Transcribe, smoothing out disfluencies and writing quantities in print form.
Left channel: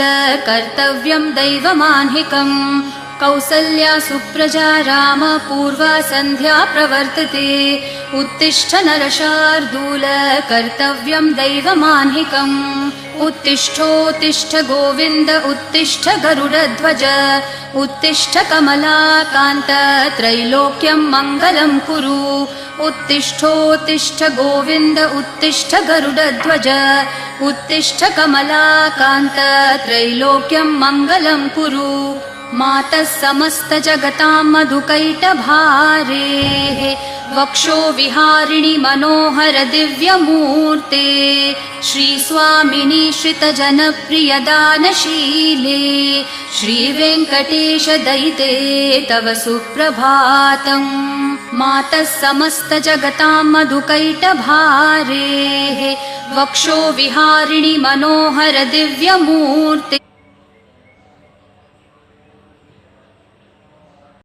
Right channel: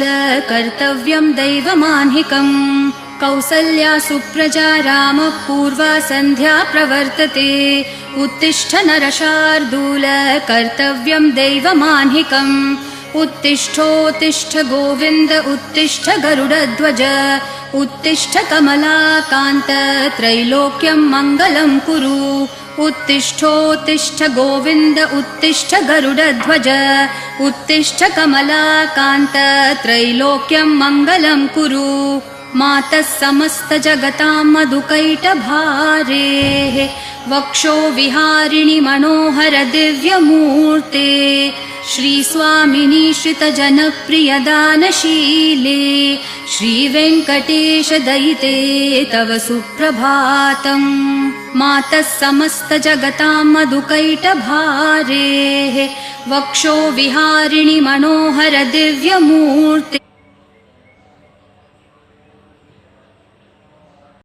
कर्तव्यं दैवमान्हिकम् कौसल्या सुप्रजा राम पूर्वा सन्ध्या प्रवर्तते उत्तिष्ठ नरशार्दूल कर्तव्यं दैवमान्हिकम् उत्तिष्ठोत्तिष्ठ गोविन्द उत्तिष्ठ गरुडध्वज उत्तिष्ठ कमलाकान्त त्रैलोक्यं मङ्गलं कुरु उत्तिष्ठोत्तिष्ठ गोविन्द उत्तिष्ठ गरुडध्वज उत्तिष्ठ कमलाकान्त त्रैलोक्यं मङ्गलं कुरु मातः समस्त जगतां मधुकैटभारेः वक्षो विहारिणि मनोहर दिव्यमूर्ते श्रीस्वामिनि श्रितजनप्रिय दानशीले श्रीवेङ्कटेश दयिते तव सुप्रभातम् मातः समस्त जगतां मधुकैटभारेः वक्षो विहारिणि मनोहर दिव्यमूर्ते